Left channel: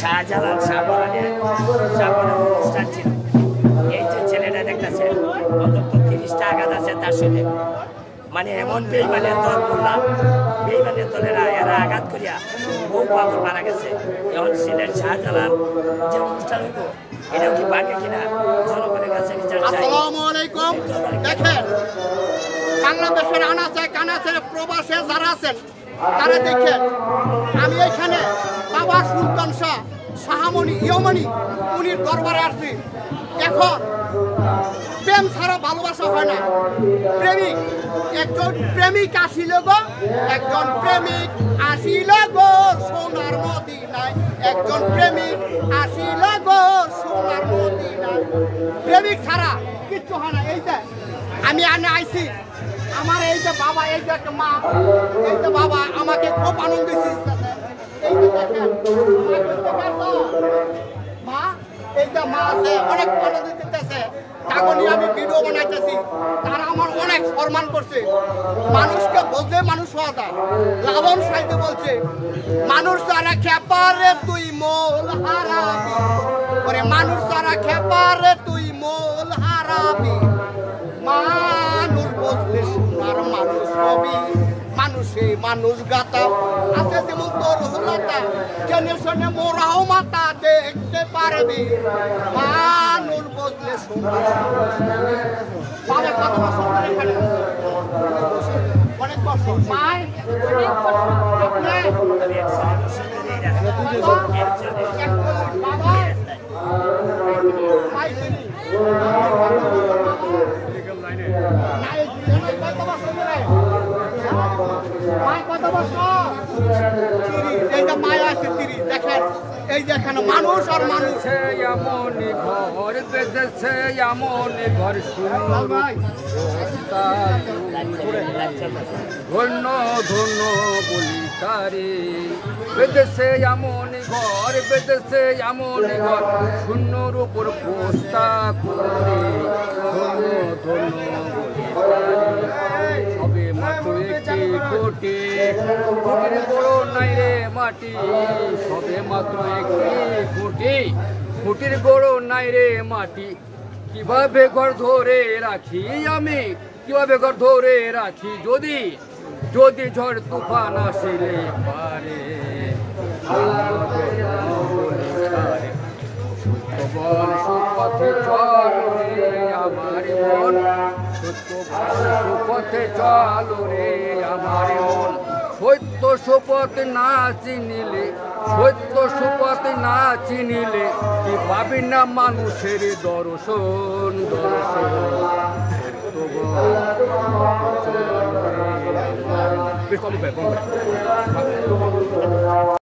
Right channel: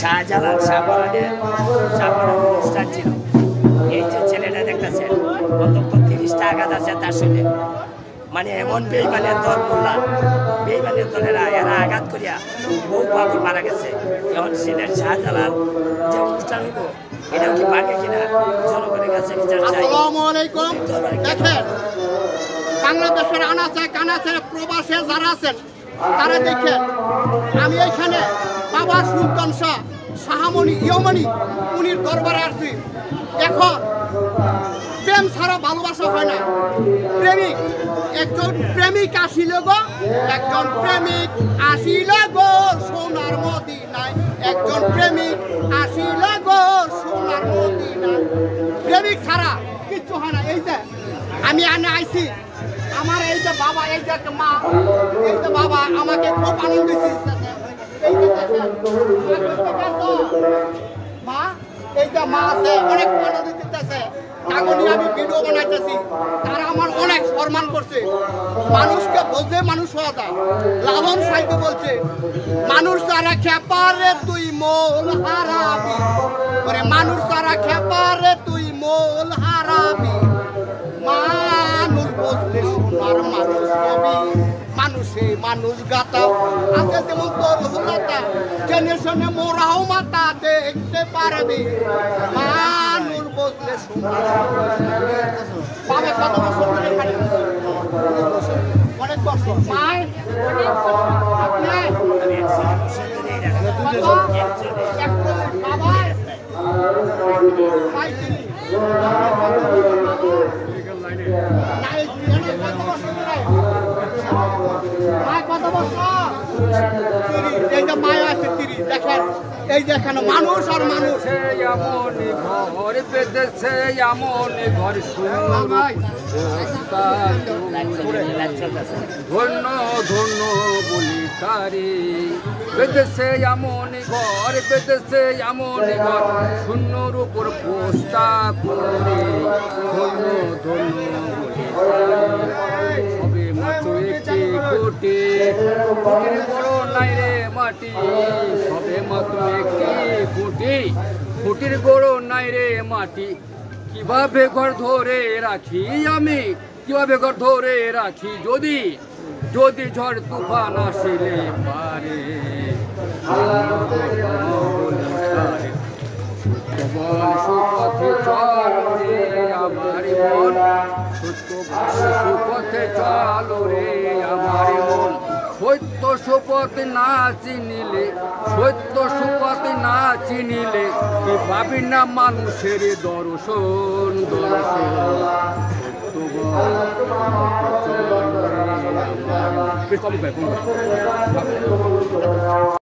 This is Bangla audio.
শাহজালাল শাহপরানের অনুষ্ঠান ছিল। এই যে ছেলেটা দেখতেছেন অন্তত 30টা আঘাত আছে তার সঙ্গে, মানে এমন বেইমানের দল বললাম, বেইমানের দলেরা এরা আঘাত করিয়া বহু পাগল মারা গেছে। এখন সিলেট শাহজালাল যে অনুষ্ঠান হইব এটাও কি বাকি কিনা জনগণের কাছে বিচার চাই। আসসালামু আলাইকুম। দেখেন বাংলাদেশের আনাচে কানাচে প্রবাসে যারা আছেন তারা দেখেন, আমি এখানে বাবা সুলতান শাহ শাহমনি ইয়মনি উনির দরবারে আসছি। এখন প্রেম ছাড়া ভালোবাসা হয় না। একজন প্রেমিক আসিল গো, একজন প্রেমিক আসিল গো সোনার মদিনায়, একজন প্রেমিক আসিল গো সোনার মদিনায়। প্রেমিক ছাড়া কিচ্ছু হয় না। এই যে আমি আইছি, আমার এই যে বাবা, এই যে মা, এই যে বাবা আমাকে খুব আনন্দ দিচ্ছে। এই যে মা, এই যে মা আছে অনেক আনন্দ দিতেছে। তাকে আমি ভিডিও বানাইতেছি, তারা আমার অনেক সম্মান করছে। মানুষকে বুঝলে মানুষ হওয়া যায়। লালন সাইতে বলছে, মানুষ যারা খেপারে তুই মোল হারাবি, ওরে মানুষ যারা খেপারে তুই মোল হারাবি। মানুষ বুঝলে সোনার মানুষ হবি, মানুষে মানুষ গাতা আছে যেমন তোর হুলাতা, জেনে শুনে মোরাও মাথা দেখতে পারবি। মানুষ বুঝলে সোনার পাবে। কত বছর ধরে এখানে? অনেক বছর। মায় বাবা মাই চিনি কত বছর? এই যে মায়া আছে 30। দেখেন এই যে এখানে মানুষ আর মানুষ। এমন ঘর বেঁধেছে, এমন ঘর শূন্য ধন্য ধন্য বলি তারে। বেঁধেছে এমন ঘর, বেঁধেছে এমন ঘর শূন্যর উপর পোস্তা করে, ধন্য ধন্য বলি তারে। হবে মাত্র একটি কোটি, কোটির বড় নাই রে মাটি, সবে মাত্র একটি কোটি, কোটির বড় নাই রে মাটি। কিভাবে ঘর ধরে রাখি আমি, কিভাবে ঘর ধরে রাখি যদি যদি ঝড় তুফান আসিলে পারে। বল সুপথে চল রে আমার মন, সত্য বল সুপথে চল রে আমার মন। সত্য সুপথ না চিনিলে, সত্য সুপথ না চিনিলে কি পাবি না মানুষের দর্শন দর্শন। সত্য বল চল রে আমার। কম করে